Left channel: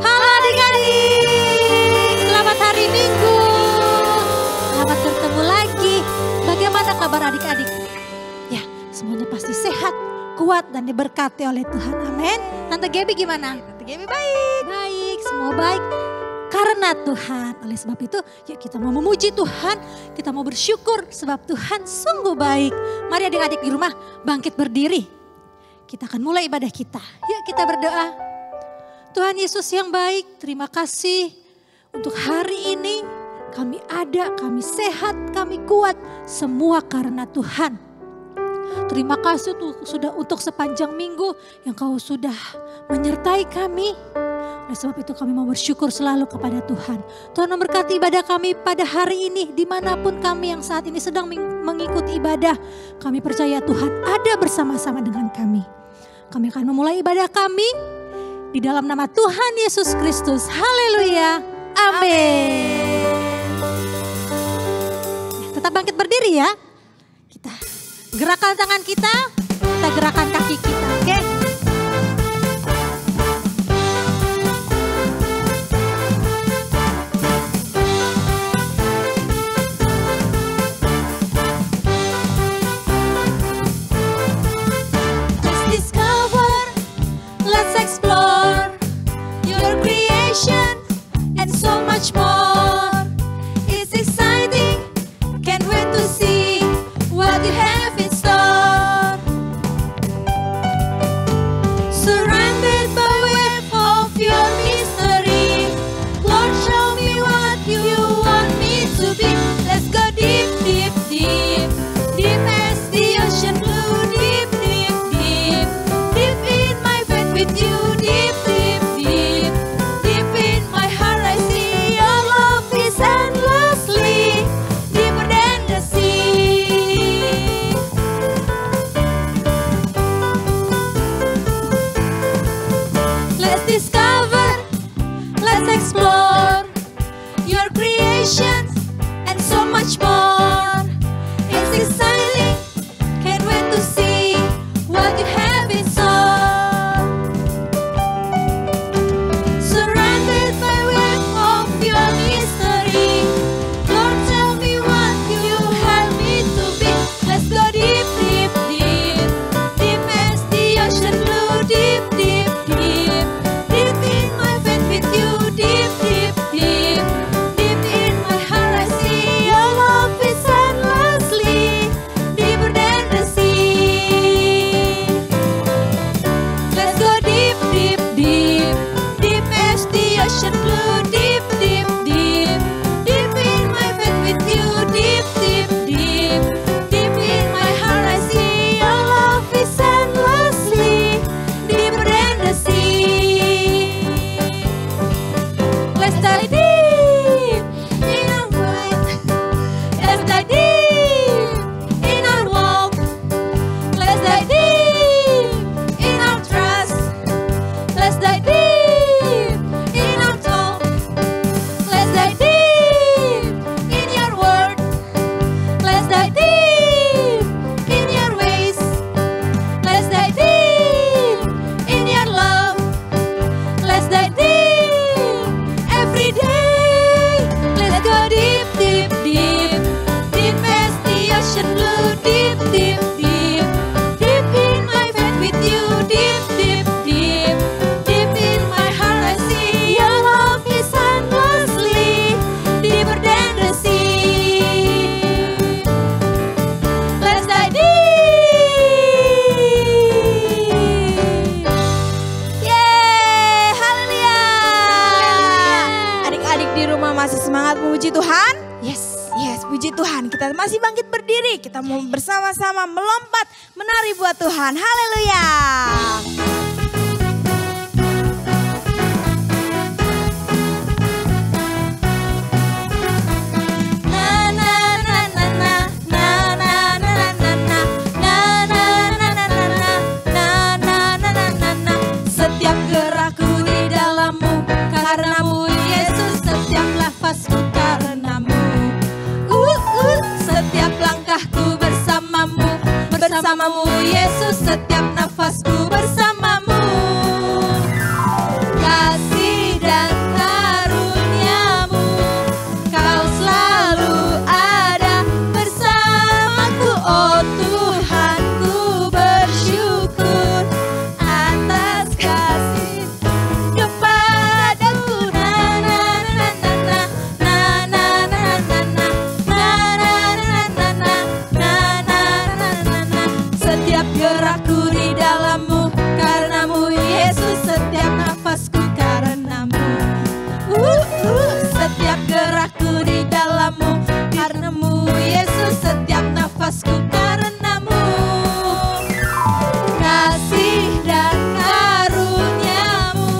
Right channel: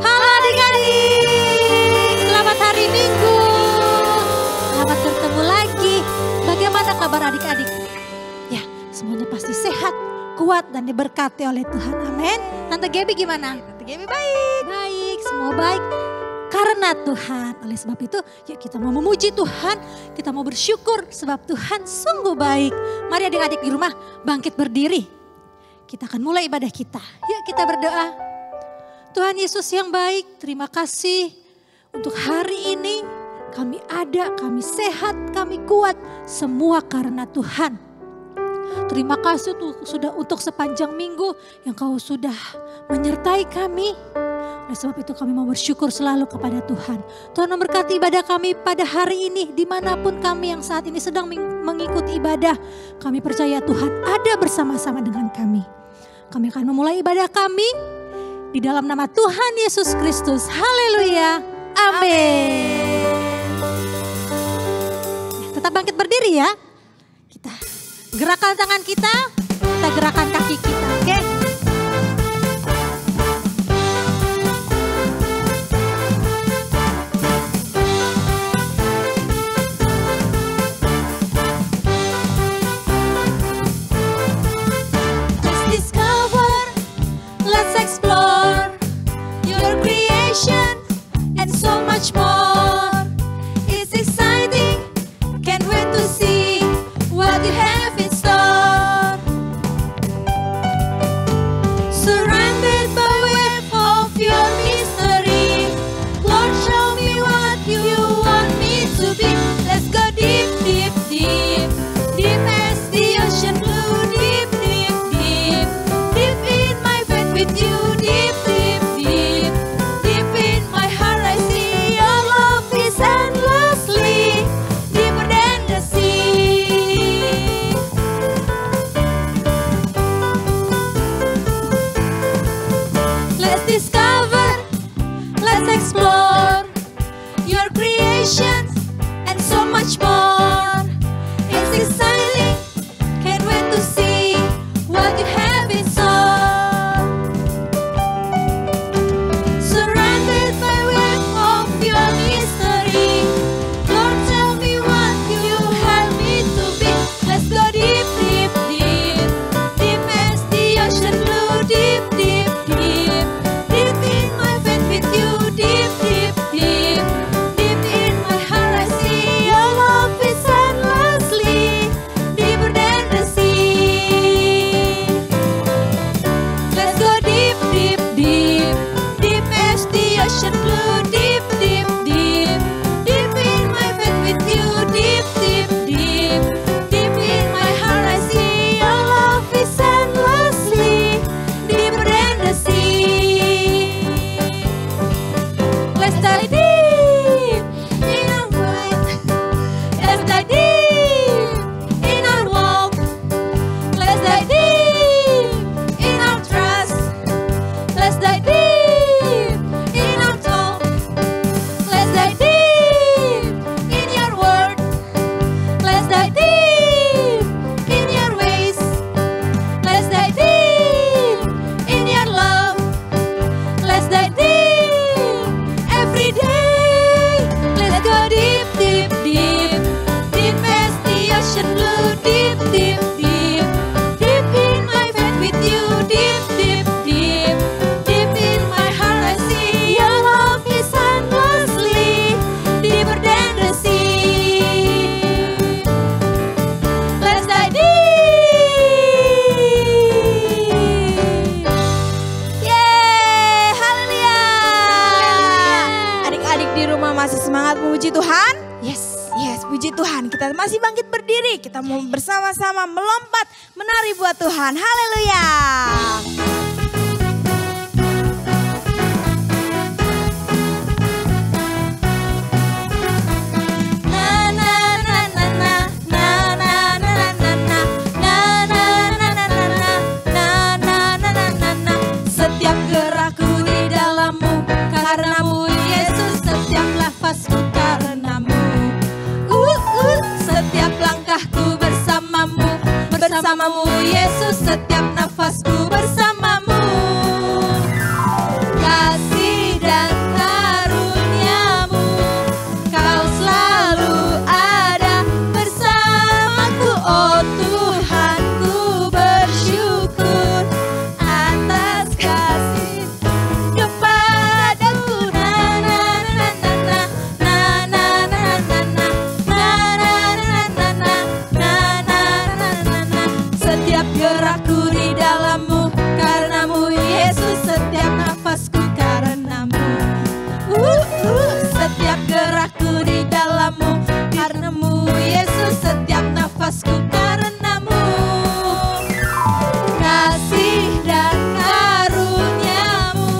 Halo adik-adik, selamat hari Minggu. Selamat bertemu lagi. Bagaimana kabar adik-adik? Ya, semuanya pasti sehat, kuat dan diberkati oleh Tuhan. Amin. Tante Gaby gimana? Tante Gaby baik. Baik, semua baik. Karena Tuhan, oleh sebab itu yuk kita mau memuji Tuhan, kita mau bersyukur sebab Tuhan sungguh baik. Mari adik-adik di rumah bangkit berdiri. Kita akan mulai ibadah kita. Yuk kita berdoa. Tuhan Yesus yang baik, terima kasih untuk hari ini. Kami ada, kami sehat, kami kuat, semua karena Tuhan. Terima kasih sudah untuk sepanjang minggu yang Kau sudah menyertai kami. Oleh sebab itu kami mau bersyukur selalu kepada Tuhan. Tuhan memberkati ibadah kami pada hari ini. Dimanapun kami yang saat ini sedang mengikuti ibadah. Kami percaya Tuhan ada bersama-sama dengan kami. Kami akan memulai ibadah kami di dalam nama Tuhan Yesus Kristus. Haleluya. Amin. Tetap bangkit berdiri ya. Kita gerakan tangan kita gerakan kaki kita, oke? Let's discover, let's explore your creation and so much more. It's exciting, can't wait to see what you have in store. Surrounded by web of your mystery, Lord, show me what you want me to be. Let's go deep, deep, deep, deep as the ocean blue, deep, deep, deep, deep in my faith with you, deep, deep, deep, deep in my heart I see your love is endlessly deeper than the sea. Let's discover, let's explore your creations and so much more. It's exciting, can't wait to see what you have in store. Surrounded by web of your mystery, Lord, tell me what you have me to be. Let's go deep, deep, deep, deep as the ocean blue, deep, deep, deep, deep in my faith with you, deep, deep, deep, deep in my heart I see your love is endlessly deeper than the sea. Let's go deep, deep, deep, deep as the ocean blue, deep, deep, deep, deep in my faith with you, deep, deep, deep, deep in my heart I see your love is endlessly deeper than the sea. Let's dive deep in our way. Let's dive deep in our walk. Let's dive deep in our trust. Let's dive deep in our talk. Let's dive deep in your word. Let's dive deep in your ways. Let's dive deep in your love. Let's dive deep every day. Let's go deep, deep, deep, deep as the ocean blue, deep, deep, deep, deep in my faith with you, deep, deep, deep, deep in my heart I see your love is endlessly deeper than the sea. Let's dive deep. Yeay, haleluya. Adik-adik di rumah masih semangat memuji Tuhan? Yes. Yes, puji Tuhan. Kita masih bangkit berdiri. Kita mau bersama-sama melompat, menari buat Tuhan. Haleluya. Na na na na na na na na na na na na na na na na na na na na. Setiap gerakku di dalammu, karenamu Yesus, setiap nafasku karenamu. Setiap langkahku bersamamu, bersamamu Yesus, setiap nafasku bersamamu. Kasih setiap nafasku karenamu. Setiap gerakku di dalammu, karenamu Yesus, setiap nafasku karenamu. Kasih dan karuniamu,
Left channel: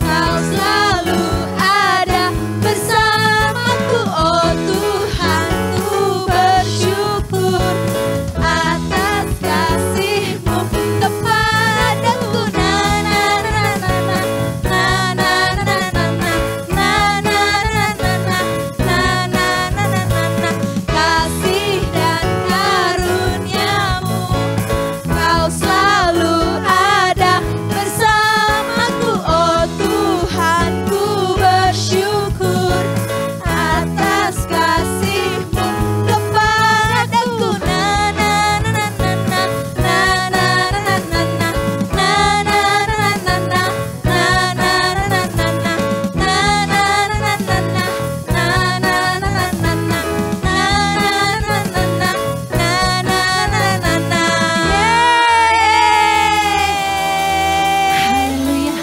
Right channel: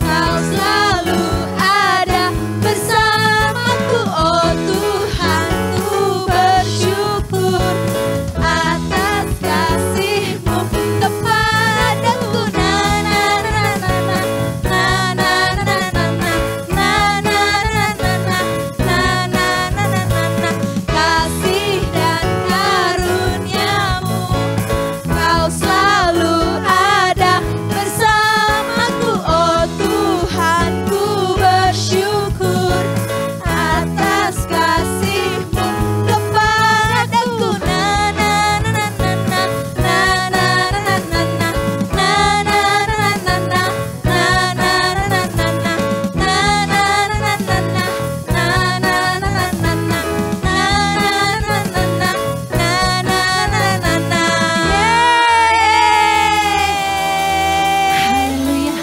kau selalu ada bersamaku. Oh Tuhan, ku bersyukur atas kasih-Mu kepadaku. Na na na na na na na na na na na na na na na na. Kasih dan karuniamu, kau selalu ada bersamaku. Oh Tuhan, ku bersyukur atas kasih-Mu kepadaku. Na na na na na na na na na na na na na na na na. Haleluya.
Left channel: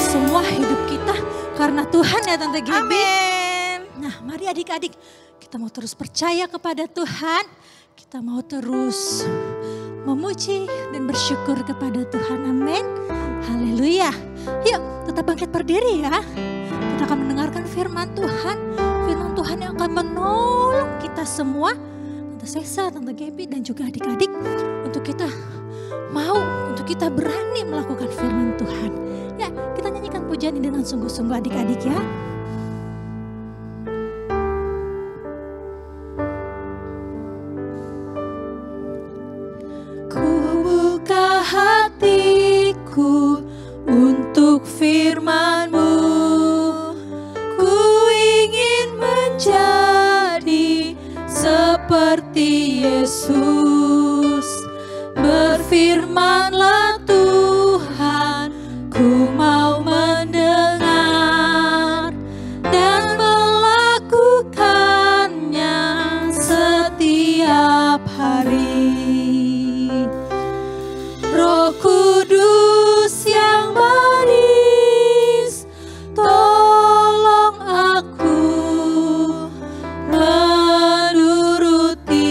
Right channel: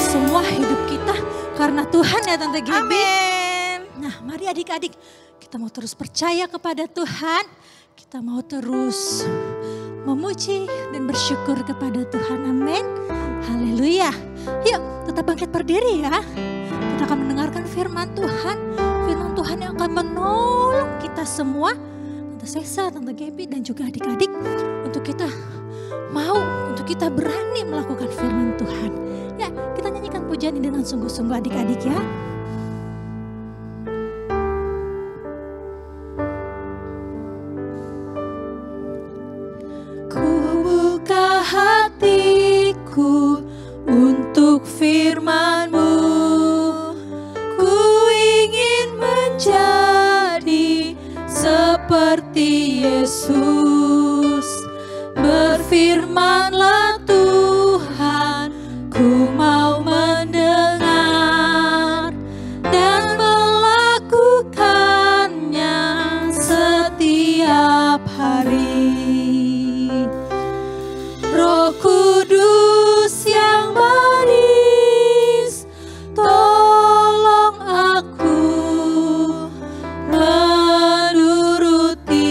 Semua hidup kita karena Tuhan ya Tante Gaby. Amin. Nah, mari adik-adik, kita mau terus percaya kepada Tuhan. Kita mau terus memuji dan bersyukur kepada Tuhan. Amin. Haleluya. Yuk, tetap bangkit berdiri ya. Kita akan mendengarkan firman Tuhan. Firman Tuhan yang akan menolong kita semua. Tante Sesa, Tante Gaby dan juga adik-adik. Untuk kita berani melakukan firman Tuhan. Ya, kita nyanyikan pujian ini dengan sungguh-sungguh adik-adik ya. Ku buka hatiku untuk firman-Mu. Ku ingin menjadi seperti Yesus. Berfirmanlah Tuhan, ku mau mendengar dan melakukannya setiap hari. Roh Kudus yang manis, tolong aku menuruti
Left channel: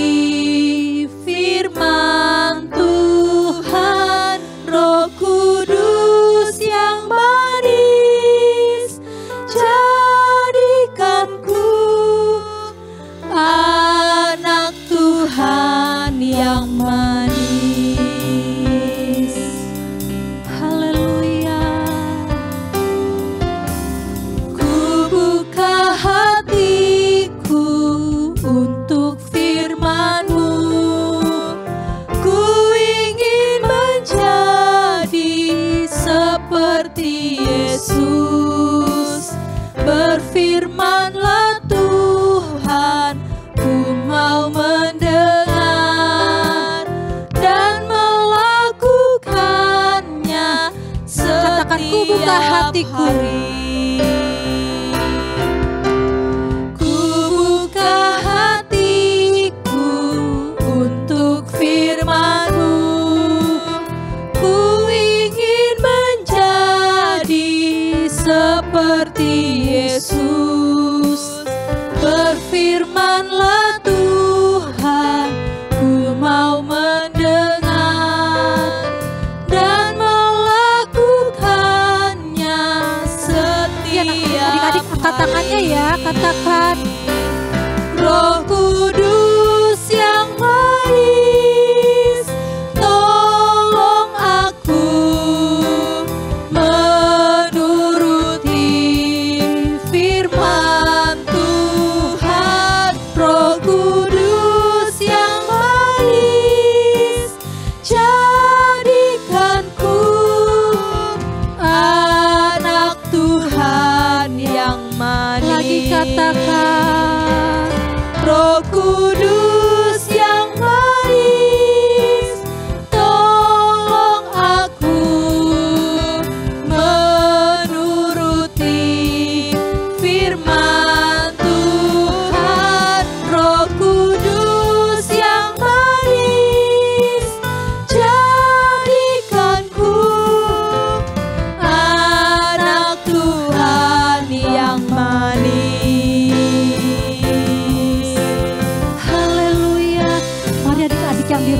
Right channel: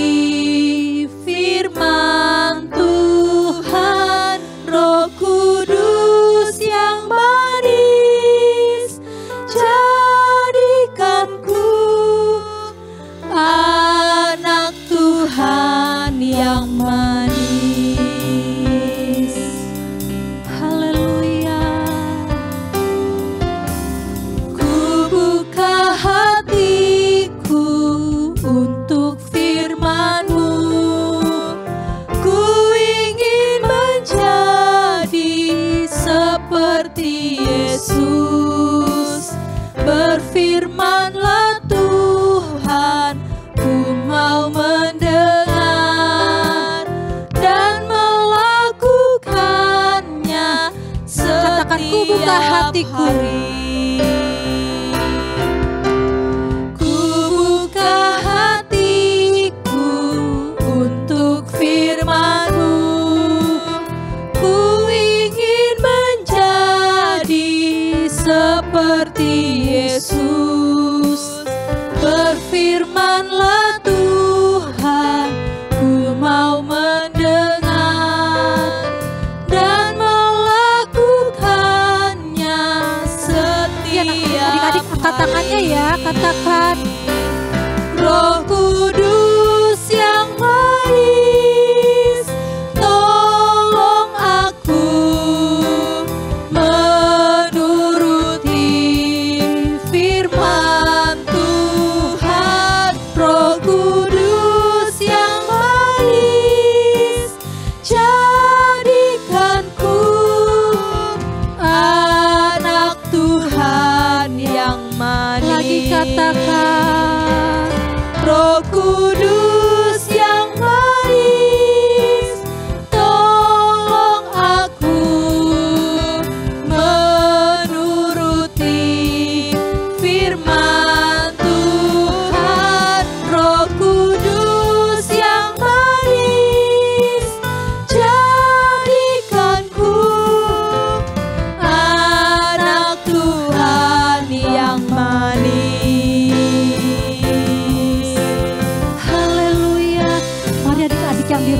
firman Tuhan. Roh Kudus yang manis, jadikanku anak Tuhan yang manis. Haleluya. Ku buka hatiku untuk firman-Mu. Ku ingin menjadi seperti Yesus. Berfirmanlah Tuhan, ku mau mendengar dan melakukannya setiap Katakan, ku buka hatiku. hari. Ku buka hatiku untuk firman-Mu. Ku ingin menjadi seperti Yesus. Berfirmanlah Tuhan, ku mau mendengar dan melakukannya setiap Adik-adik angkat tangannya ya, katakan. Roh Kudus yang manis, tolong aku menuruti firman Tuhan. Roh Kudus yang manis, jadikanku anak Tuhan yang manis. Lagi katakan. Roh Kudus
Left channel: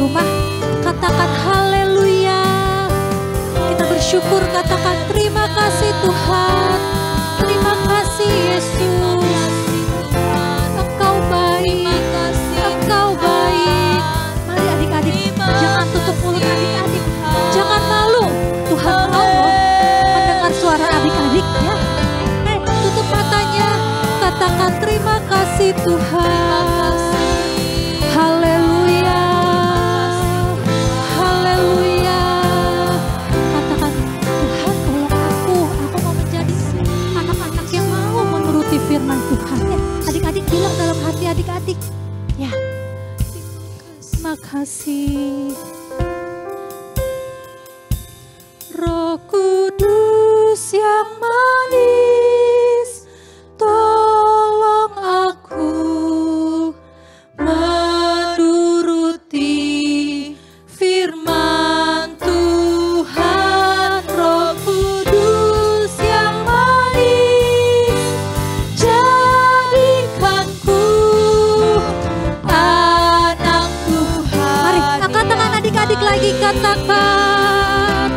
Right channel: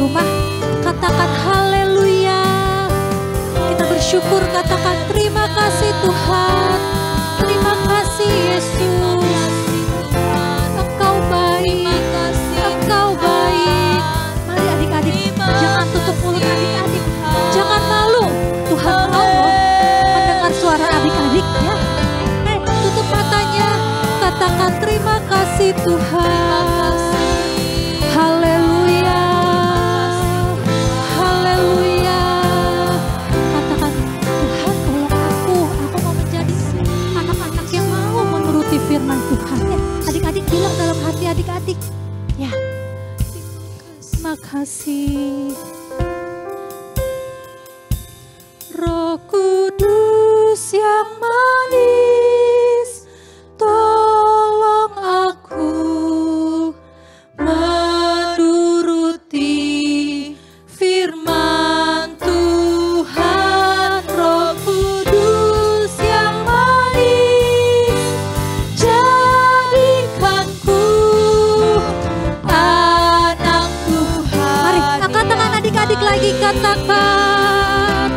rumah, katakan haleluya. Kita bersyukur, katakan terima kasih Tuhan. Terima kasih Yesus. Engkau baik, Engkau baik. Mari adik-adik, jangan tutup mulut adik-adik. Jangan malu, Tuhan mau mendengar suara adik-adik ya. Tutup matanya, katakan terima kasih Tuhan. Haleluya, haleluya. Katakan, Tuhan tolong aku mau menjadi anak-anak yang mau menuruti firman Tuhan. Ya, adik-adik bilang dalam hati adik-adik, ya, terima kasih. Roh Kudus yang manis, tolong aku menuruti firman Tuhan. Roh Kudus yang manis, jadikanku anak Tuhan. Mari angkat tangan adik-adik lagi, katakan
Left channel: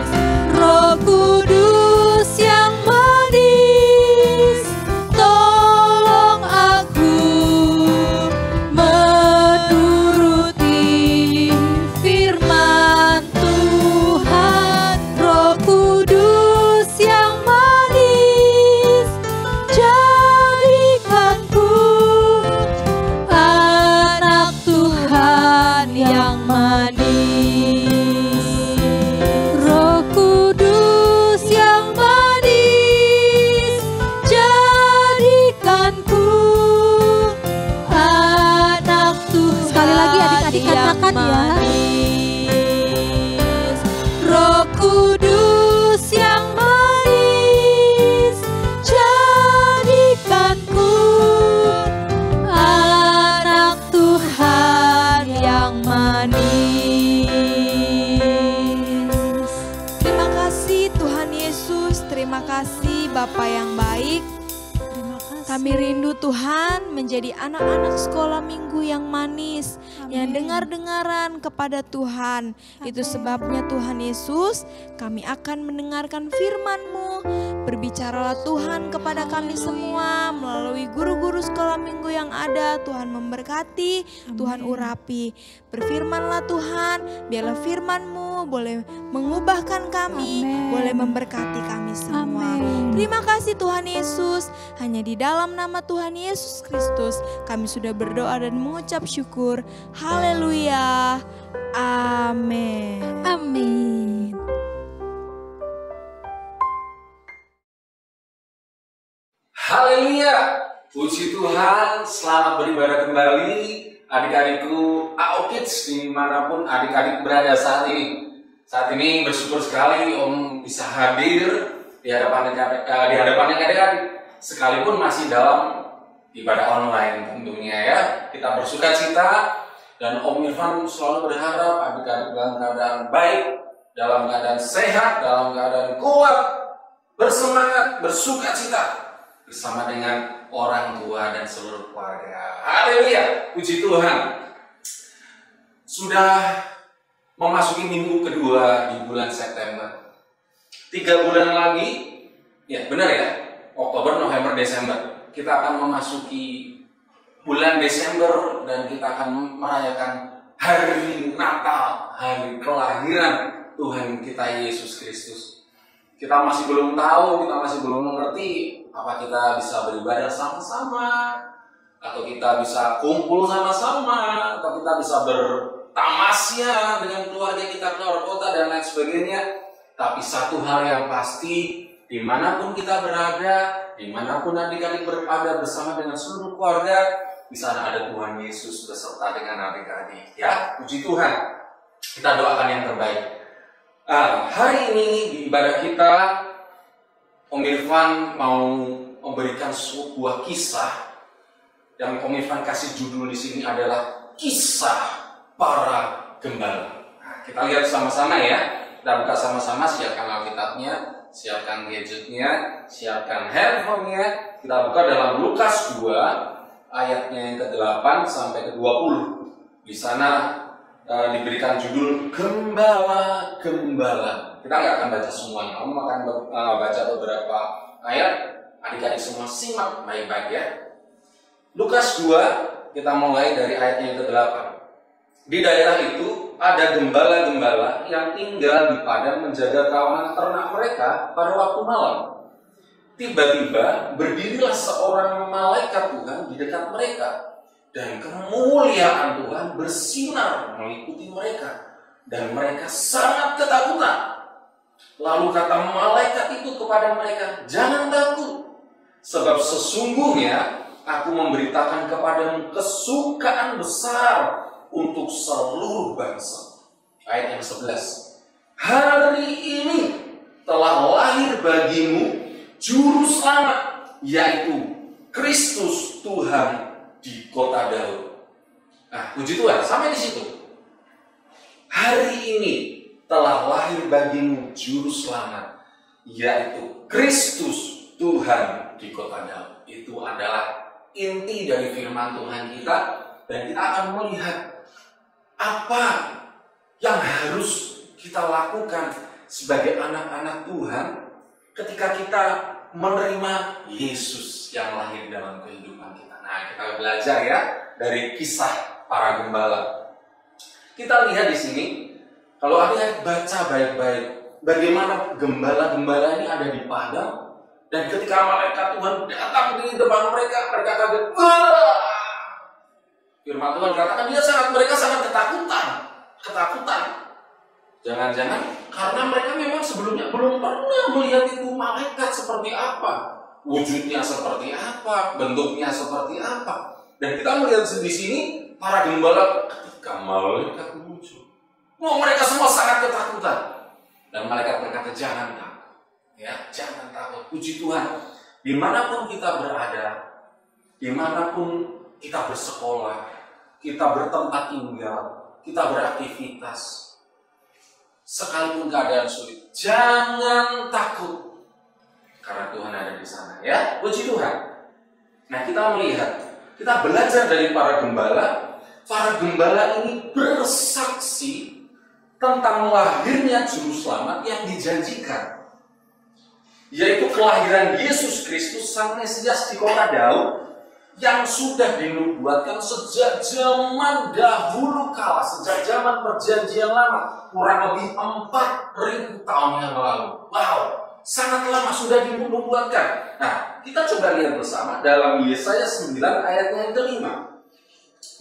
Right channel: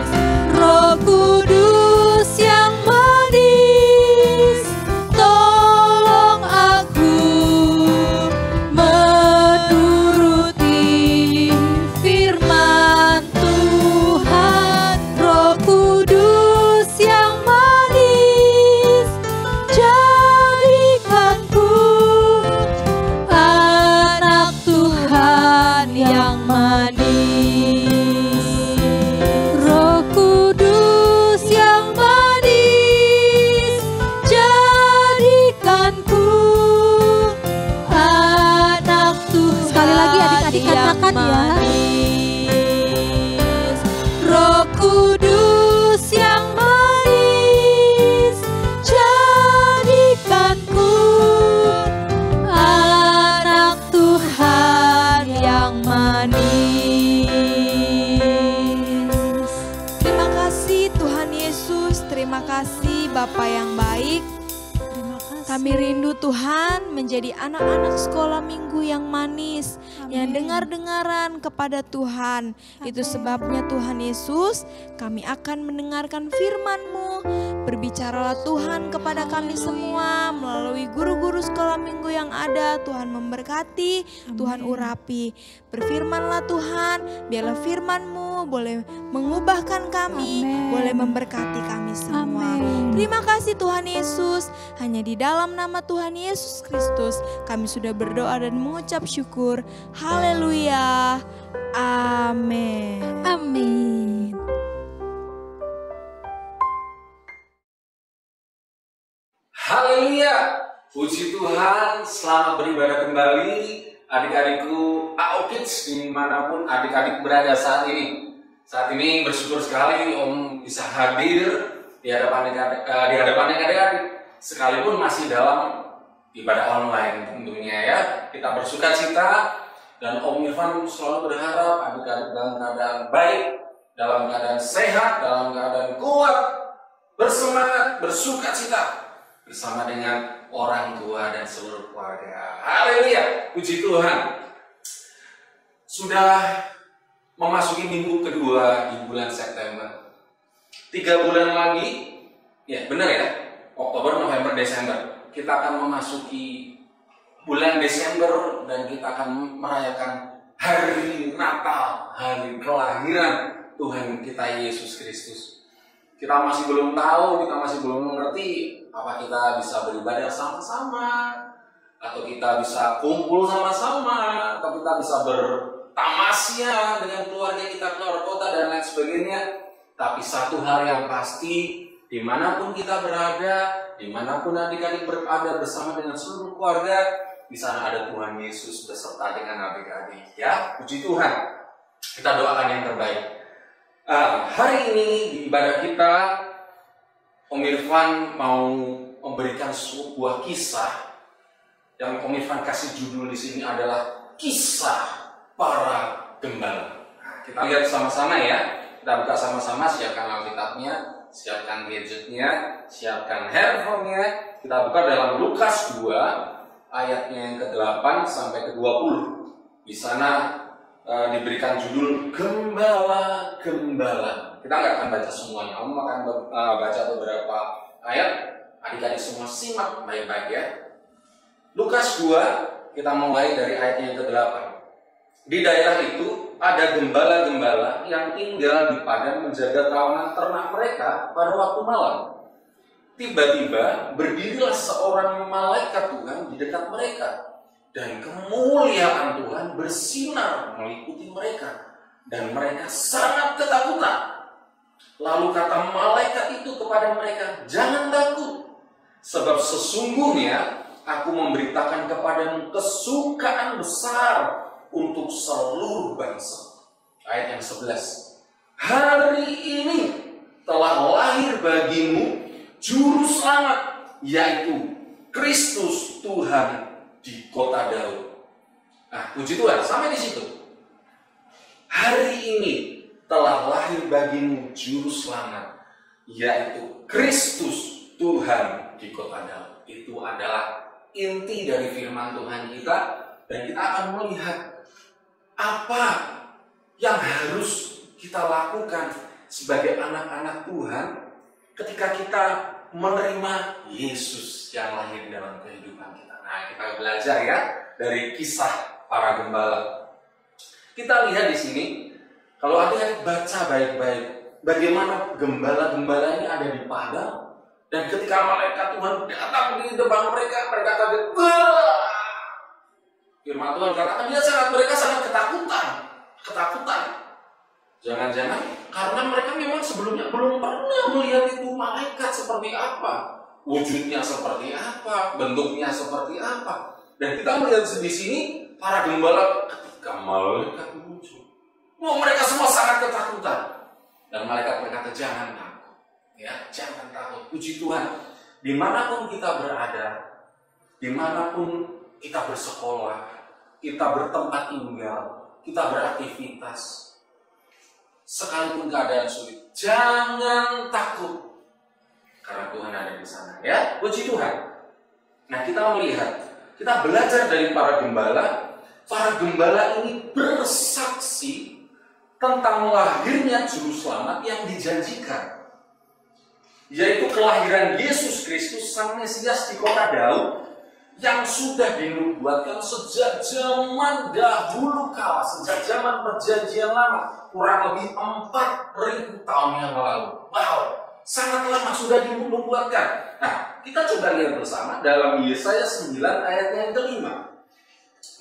Roh Kudus yang manis, tolong aku menuruti firman Tuhan. Roh Kudus yang manis, jadikanku anak Tuhan yang manis. Roh Kudus yang manis, jadikanku anak Tuhan. Sekali lagi adik-adik katakan ya. Roh Kudus yang manis, jadikanku anak Tuhan yang manis. Terima kasih Tuhan Yesus, terima kasih Bapa yang baik. Terima kasih. Kami rindu Tuhan menjadi anak-anak sekolah minggu yang manis, yang dengar-dengaran kepada Tuhan. Itu sebabnya Tuhan Yesus, kami akan mendengarkan firman-Mu. Berbicaralah Tuhan kepada kami semua melalui guru-guru sekolah minggu yang ada. Tuhan memberkati, Tuhan urapi. Berfirmanlah Tuhan, biarlah firman-Mu boleh mengubahkan kami, boleh memberkati kami semua. Terima kasih Tuhan Yesus, hanya di dalam nama Tuhan Yesus Kristus kami sudah berdoa dan mengucap syukur. Haleluya. Amin. Amin. Haleluya, puji Tuhan, selamat beribadah kembali adik-adikku AO-Kids dimanapun adik-adik berada saat ini. Saat ini bersyukur sekali Om bisa hadir di hadapan adik-adik, sekalipun masih dalam ibadah online tentunya ya. Kita bersuka cita dan Om Irfan selalu berharap adik-adik dalam keadaan baik, dalam keadaan sehat, dalam keadaan kuat, bersemangat, bersuka cita bersama dengan orang tua dan seluruh keluarga. Haleluya, puji Tuhan. Sudah memasuki minggu kedua di bulan September. 3 bulan lagi, ya benar ya, Oktober, November, Desember. Kita akan memasuki bulan Desember dan kita akan merayakan hari Natal, hari kelahiran Tuhan kita Yesus Kristus. Kita masih belum tahu, kita masih belum mengerti apa kita bisa beribadah sama-sama, atau kita bisa kumpul sama-sama, atau kita bisa bertamasya dengan keluarga kita keluar kota dan lain sebagainya. Tapi satu hal yang pasti, dimanapun kita berada, dimanapun adik-adik berada bersama dengan seluruh keluarga, di sana ada Tuhan Yesus beserta dengan adik-adik. Ya, puji Tuhan. Kita doakan yang terbaik. Hari ini di ibadah kita, Om Irfan mau memberikan sebuah kisah yang Om Irfan kasih judul di sini adalah kisah para gembala. Kita lihat sama-sama ya. Kita buka sama-sama, siapkan Alkitabnya, siapkan gadgetnya, siapkan handphonenya. Kita buka dalam Lukas 2 ayatnya yang ke-8 sampai ke-20. Di sana diberikan judul Gembala-Gembala. Kita nggak akan baca semuanya, Om akan baca beberapa ayat. Adik-adik semua simak baik-baik ya. Lukas 2, kita mulai dari ayat yang ke-8. Di daerah itu ada gembala-gembala yang tinggal di padang menjaga kawanan ternak mereka pada waktu malam. Tiba-tiba berdirilah seorang malaikat Tuhan di dekat mereka, dan kemuliaan Tuhan bersinar mengikuti mereka, dan mereka sangat ketakutan. Lalu kata malaikat itu kepada mereka, "Jangan takut, sebab sesungguhnya aku memberitakan kepadamu kesukaan besar untuk seluruh bangsa." Ayat yang 11. "Hari ini telah lahir bagimu Juru Selamat, yaitu Kristus Tuhan di kota Daud." Nah, puji Tuhan, sampai di situ. Hari ini telah lahir bagimu Juru Selamat, yaitu Kristus Tuhan di kota Daud. Itu adalah inti dari firman Tuhan kita, dan kita akan melihat apa yang harus kita lakukan sebagai anak-anak Tuhan ketika kita menerima Yesus yang lahir dalam kehidupan kita. Nah, kita belajar ya dari kisah para gembala. Kita lihat di sini, kalau ada baca baik-baik, bagaimana gembala-gembala ini ada di padang, dan ketika malaikat Tuhan datang di depan mereka, mereka kaget. Wah! Firman Tuhan katakan mereka sangat ketakutan. Jangan-jangan karena mereka memang sebelumnya belum pernah melihat itu malaikat seperti apa, wujudnya seperti apa, bentuknya seperti apa. Dan kita melihat di sini para gembala ketika malaikat muncul, mereka semua sangat ketakutan. Dan malaikat berkata, "Jangan takut, ya, jangan takut." Puji Tuhan, dimanapun kita berada, dimanapun kita bersekolah, kita bertempat tinggal, kita beraktivitas, sekalipun keadaan sulit, jangan takut, karena Tuhan ada di sana. Ya, puji Tuhan. Nah, kita melihat, kita belajar dari para gembala. Para gembala ini bersaksi tentang lahirnya Juru Selamat yang dijanjikan, yaitu kelahiran Yesus Kristus Sang Mesias di kota Daud, yang sudah dinubuatkan sejak zaman dahulu kala, sejak zaman Perjanjian Lama, kurang lebih 4.000 tahun yang lalu. Wow, sangat lama sudah dinubuatkan. Nah, kita coba lihat bersama dalam Yesaya 9 ayat yang ke-5.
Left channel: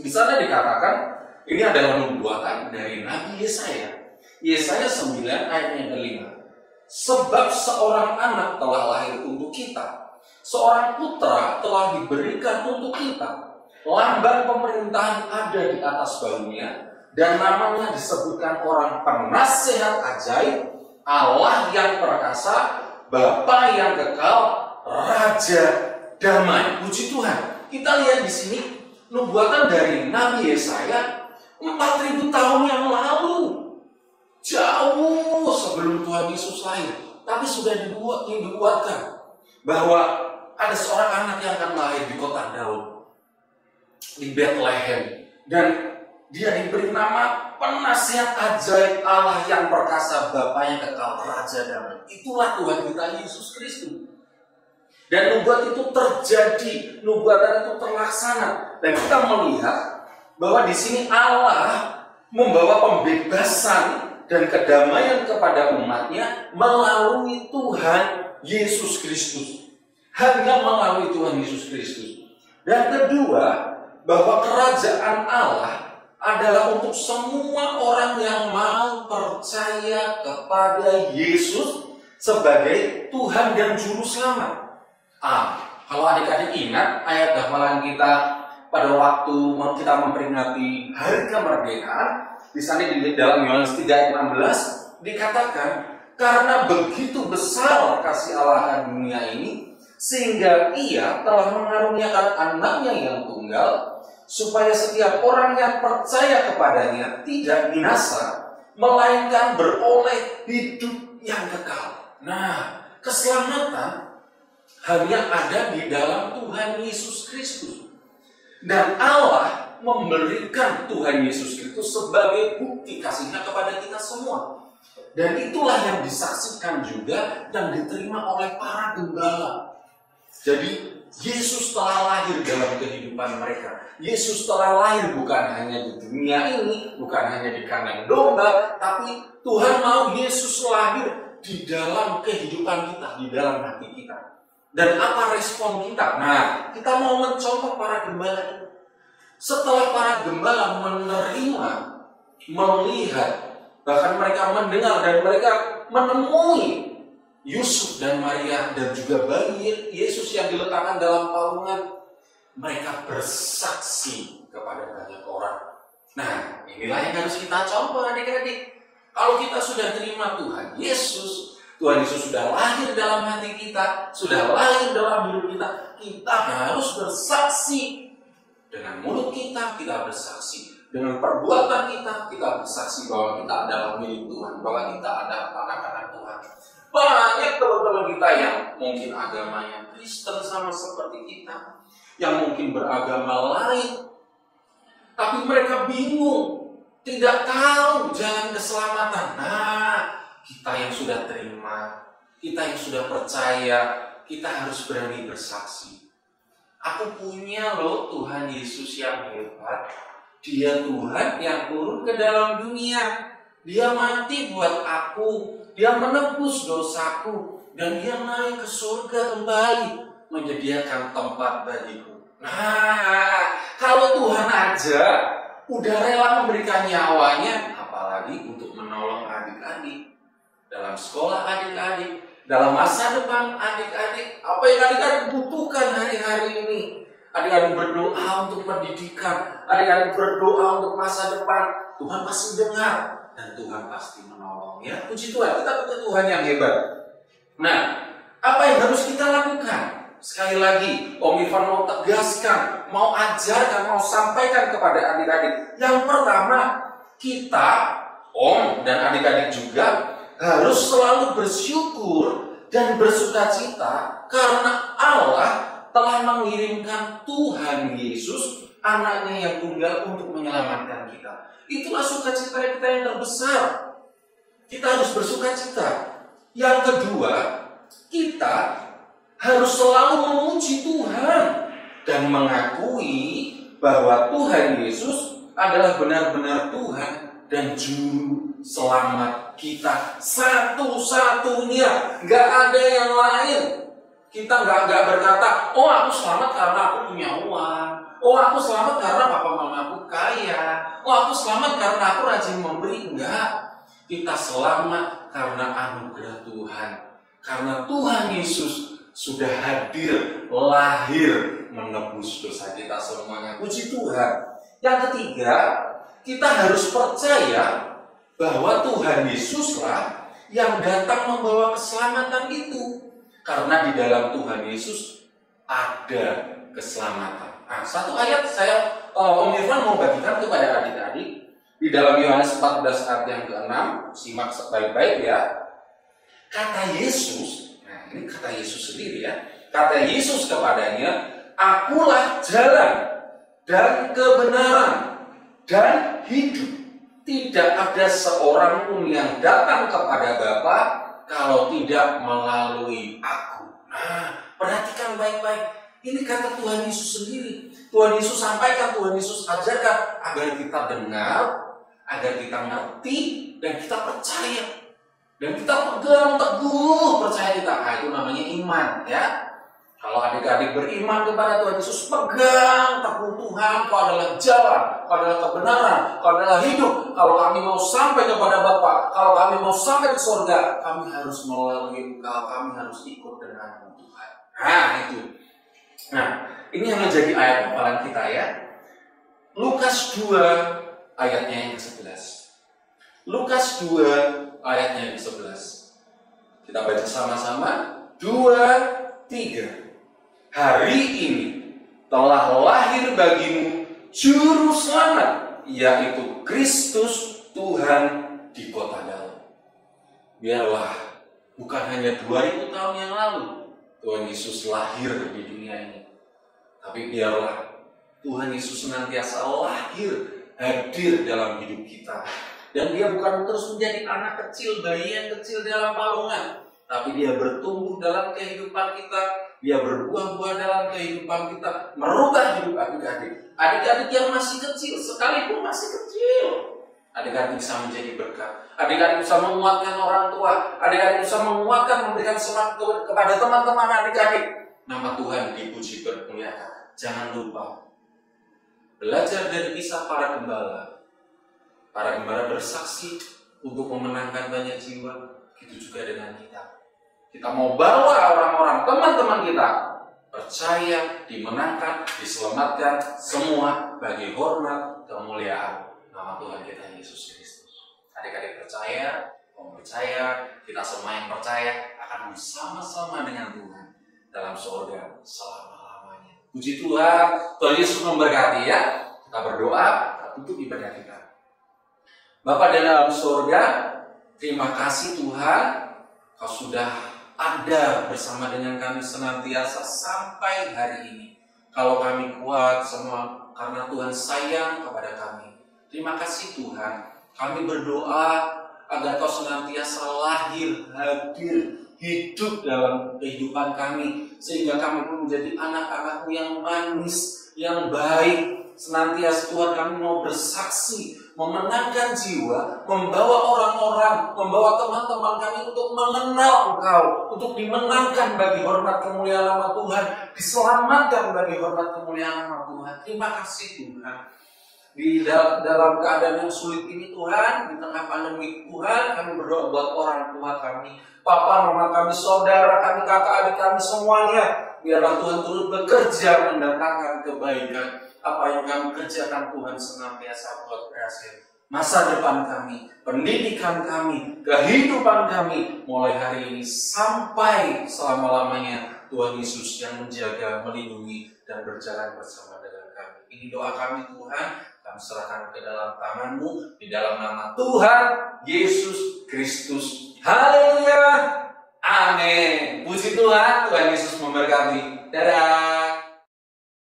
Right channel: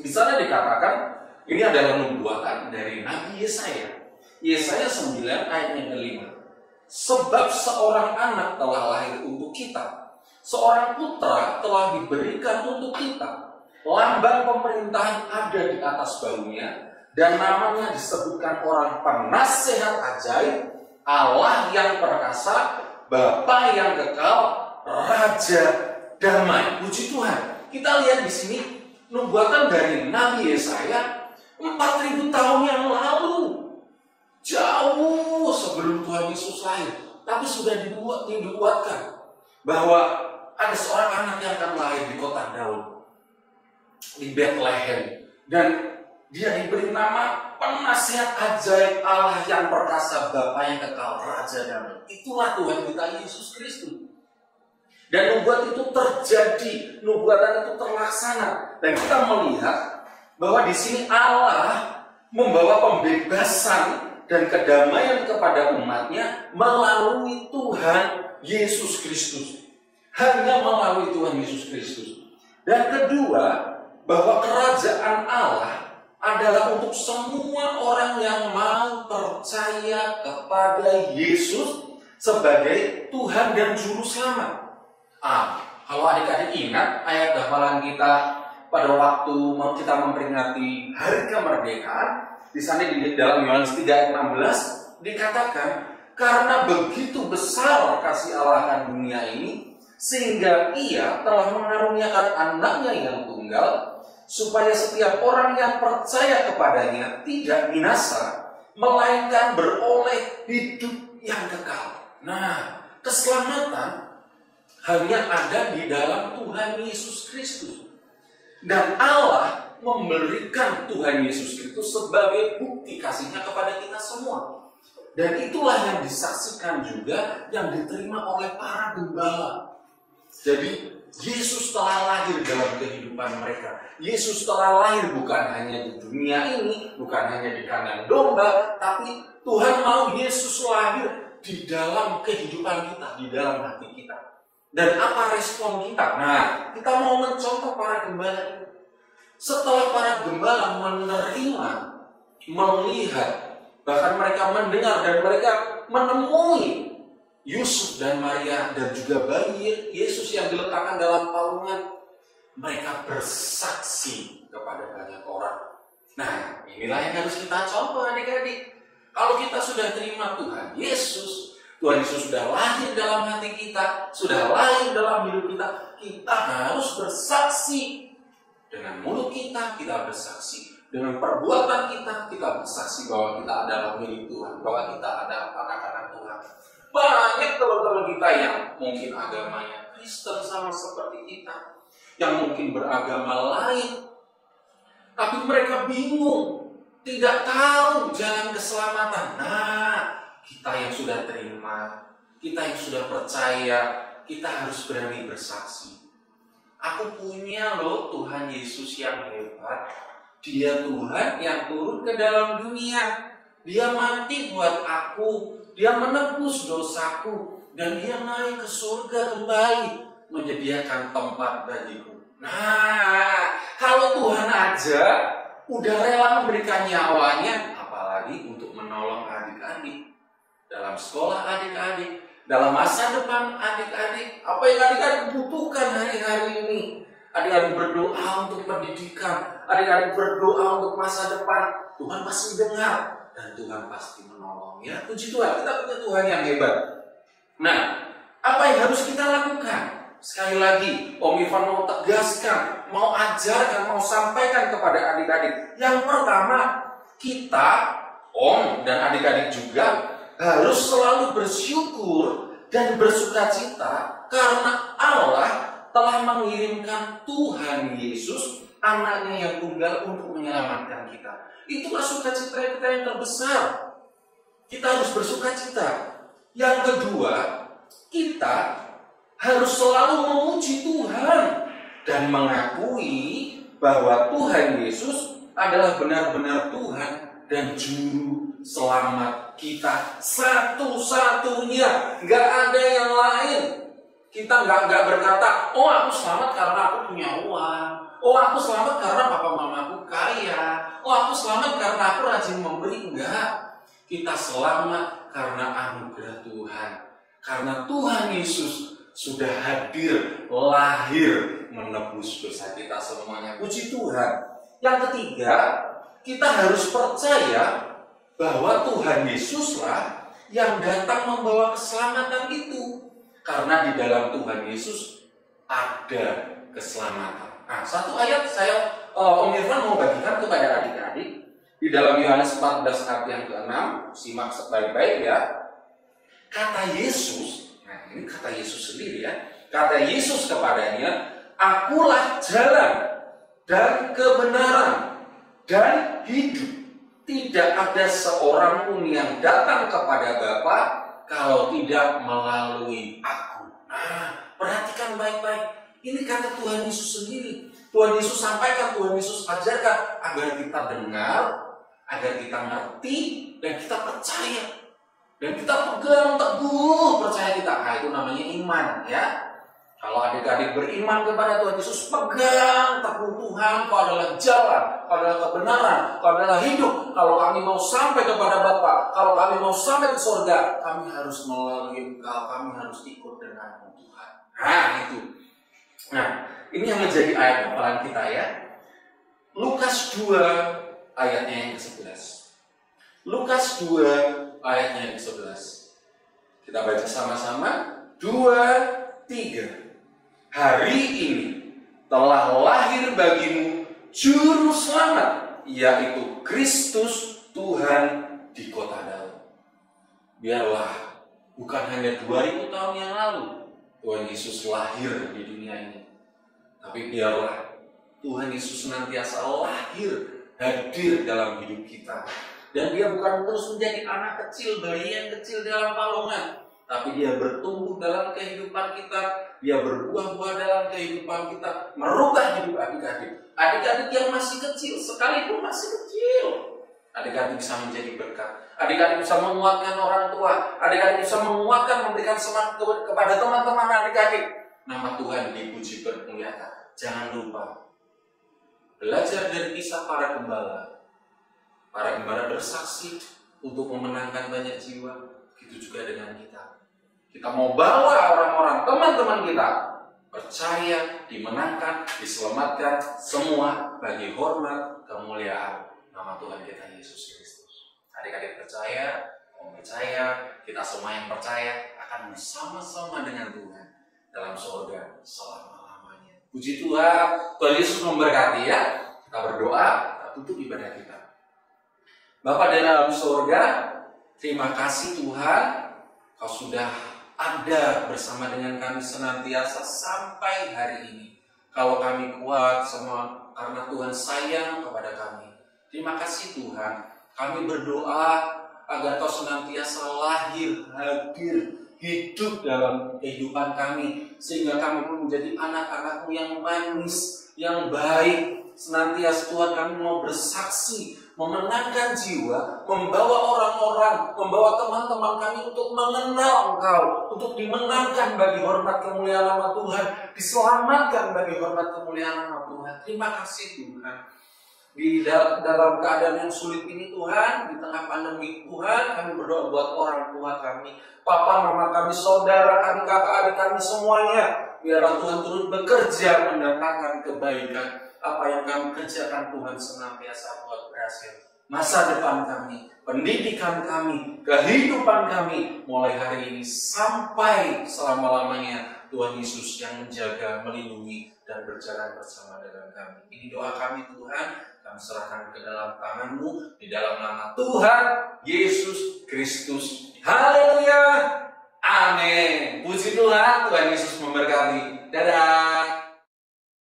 Di sana dikatakan, ini adalah nubuatan dari Nabi Yesaya. Yesaya 9 ayat yang ke-5. "Sebab seorang anak telah lahir untuk kita, seorang putra telah diberikan untuk kita. Lambang pemerintahan ada di atas bahunya, dan namanya disebutkan orang penasihat ajaib, Allah yang perkasa, Bapa yang kekal, Raja damai." Puji Tuhan. Kita lihat di sini nubuatan dari Nabi Yesaya 4.000 tahun yang lalu, jauh sebelum Tuhan Yesus lahir, tapi sudah dibuatkan bahwa ada seorang anak yang akan lahir di kota Daud, di Bethlehem, dan dia diberi nama penasihat ajaib, Allah yang perkasa, Bapa yang kekal, Raja damai. Itulah Tuhan kita Yesus Kristus. Dan nubuat itu terjadi, nubuatan itu terlaksana, dan kita melihat bahwa di sini Allah membawa pembebasan dan kedamaian kepada umatnya melalui Tuhan Yesus Kristus. Hanya melalui Tuhan Yesus Kristus. Dan kedua, bahwa kerajaan Allah adalah untuk semua orang yang mau percaya kepada Yesus sebagai Tuhan dan Juru Selamat. Kalau adik-adik ingat ayat hafalan kita pada waktu kita memperingati Hari Kemerdekaan, di sana di dalam Yohanes 3 ayat 16 dikatakan, "Karena begitu besar kasih Allah akan dunia ini, sehingga Ia telah mengaruniakan anaknya yang tunggal, supaya setiap orang yang percaya kepadanya tidak binasa, melainkan beroleh hidup yang kekal." Nah, keselamatan hanya ada di dalam Tuhan Yesus Kristus. Dan Allah memberikan Tuhan Yesus itu sebagai bukti kasihnya kepada kita semua. Dan itulah yang disaksikan juga dan diterima oleh para gembala. Jadi Yesus telah lahir dalam kehidupan mereka. Yesus telah lahir bukan hanya di dunia ini, bukan hanya di kandang domba, tapi Tuhan mau Yesus lahir di dalam kehidupan kita, di dalam hati kita. Dan apa respon kita? Nah, kita mau mencontoh para gembala ini. Setelah para gembala menerima, melihat, bahkan mereka mendengar dan mereka menemui Yusuf dan Maria dan juga bayi Yesus yang diletakkan dalam palungan, mereka bersaksi kepada banyak orang. Nah, inilah yang harus kita contoh adik-adik. Kalau kita sudah terima Tuhan Yesus sudah lahir dalam hati kita, sudah lahir dalam hidup kita, kita harus bersaksi. Dengan mulut kita bersaksi. Dengan perbuatan kita bersaksi bahwa kita adalah milik Tuhan, bahwa kita adalah anak-anak Tuhan. Banyak teman-teman kita yang mungkin agamanya Kristen sama seperti kita, yang mungkin beragama lain, tapi mereka bingung, tidak tahu jalan keselamatan. Nah, kita yang sudah terima, kita yang sudah percaya, kita harus berani bersaksi. Aku punya loh Tuhan Yesus yang hebat. Dia Tuhan yang turun ke dalam dunia. Dia mati buat aku. Dia menebus dosaku. Dan dia naik ke surga kembali, menyediakan tempat bagiku. Nah, kalau Tuhan aja udah rela memberikan nyawanya, apalagi untuk menolong adik-adik dalam sekolah adik-adik, dalam masa depan adik-adik. Apa yang adik-adik butuhkan hari-hari ini? Adik-adik berdoa untuk pendidikan, adik-adik berdoa untuk masa depan. Tuhan pasti dengar dan Tuhan pasti menolong. Ya, puji Tuhan, kita punya Tuhan yang hebat. Nah, apa yang harus kita lakukan? Sekali lagi, Om Irfan mau tegaskan, mau ajarkan, mau sampaikan kepada adik-adik. Yang pertama, kita, Om dan adik-adik juga harus selalu bersyukur dan bersukacita karena Allah telah mengirimkan Tuhan Yesus, anaknya yang tunggal untuk menyelamatkan kita. Itulah sukacita kita yang terbesar. Kita harus bersukacita. Yang kedua, kita harus selalu memuji Tuhan dan mengakui bahwa Tuhan Yesus adalah benar-benar Tuhan dan Juru Selamat kita satu-satunya. Gak ada yang lain. Kita nggak berkata, oh aku selamat karena aku punya uang. Oh aku selamat karena papa mama aku kaya. Oh aku selamat karena aku rajin memberi. Enggak. Kita selamat karena anugerah Tuhan. Karena Tuhan Yesus sudah hadir, lahir, menebus dosa kita semuanya. Puji Tuhan. Yang ketiga, kita harus percaya bahwa Tuhan Yesuslah yang datang membawa keselamatan itu. Karena di dalam Tuhan Yesus ada keselamatan. Nah, satu ayat saya Om Irfan mau bagikan kepada adik-adik di dalam Yohanes 14 ayat yang ke-6, simak baik-baik ya. Kata Yesus, nah ini kata Yesus sendiri ya. Kata Yesus kepadanya, akulah jalan dan kebenaran dan hidup. Tidak ada seorang pun yang datang kepada Bapa kalau tidak melalui aku. Nah, perhatikan baik-baik. Ini kata Tuhan Yesus sendiri. Tuhan Yesus sampaikan, Tuhan Yesus ajarkan agar kita dengar, agar kita ngerti, dan kita percaya. Dan kita pegang teguh percaya kita. Nah, itu namanya iman ya. Kalau adik-adik beriman kepada Tuhan Yesus, pegang teguh Tuhan, kau adalah jalan, kau adalah kebenaran, kau adalah hidup. Kalau kami mau sampai kepada Bapa, kalau kami mau sampai ke surga, kami harus melalui Engkau, kami harus ikut denganmu Tuhan. Nah itu. Nah ini yang menjadi ayat hafalan kita ya. Lukas 2 ayatnya yang ke-11. Lukas 2 ayatnya yang ke-11. Kita baca sama-sama. 2, 3. Hari ini telah lahir bagimu Juru Selamat, yaitu Kristus Tuhan di kota Daud. Biarlah bukan hanya 2000 tahun yang lalu Tuhan Yesus lahir di dunia ini, tapi biarlah Tuhan Yesus senantiasa hadir dalam hidup kita. Dan dia bukan terus menjadi anak kecil, bayi yang kecil dalam palungan, tapi dia bertumbuh dalam kehidupan kita, dia berbuah-buah dalam kehidupan kita, merubah hidup adik-adik. Adik-adik yang masih kecil, sekalipun masih kecil, adik-adik bisa menjadi berkat. Adik-adik bisa menguatkan orang tua, adik-adik bisa menguatkan, memberikan semangat kepada teman-teman adik-adik. Nama Tuhan dipuji bermuliakan. Jangan lupa belajar dari kisah para gembala. Para gembala bersaksi untuk memenangkan banyak jiwa. Begitu juga dengan kita. Kita mau bawa orang-orang, teman-teman kita percaya, dimenangkan, diselamatkan, semua bagi hormat, kemuliaan nama Tuhan kita Yesus Kristus. Adik-adik percaya, om percaya, kita semua yang percaya akan bersama-sama dengan Tuhan dalam surga selama-lamanya. Puji Tuhan, Tuhan Yesus memberkati ya. Kita berdoa, kita tutup ibadah kita. Bapa di dalam surga, terima kasih Tuhan, Kau sudah ada bersama dengan kami senantiasa sampai hari ini. Kalau kami kuat semua karena Tuhan sayang kepada kami. Terima kasih Tuhan, kami berdoa agar Kau senantiasa hadir, hidup dalam kehidupan kami. Sehingga kami menjadi anak-anak-Mu yang manis, yang baik. Senantiasa Tuhan kami mau bersaksi, memenangkan jiwa, membawa orang-orang, membawa teman-teman kami untuk mengenal Engkau, untuk dimenangkan bagi hormat kemuliaan nama Tuhan, diselamatkan bagi hormat kemuliaan nama Tuhan. Terima kasih Tuhan. Di dalam keadaan yang sulit ini Tuhan, di tengah pandemi Tuhan, kami berdoa buat orang tua kami, papa, mama kami, saudara kami, kakak, adik kami semuanya. Biarlah Tuhan turut bekerja mendatangkan kebaikan. Apa yang kami kerjakan Tuhan senantiasa buat berhasil. Masa depan kami, pendidikan kami, kehidupan kami, mulai hari ini sampai selama-lamanya Tuhan Yesus yang menjaga, melindungi, dan berjalan bersama dengan kami. Ini doa kami Tuhan, kami serahkan ke dalam tangan-Mu, di dalam nama Tuhan Yesus Kristus. Haleluya, amin. Puji Tuhan, Tuhan Yesus memberkati. Dadah.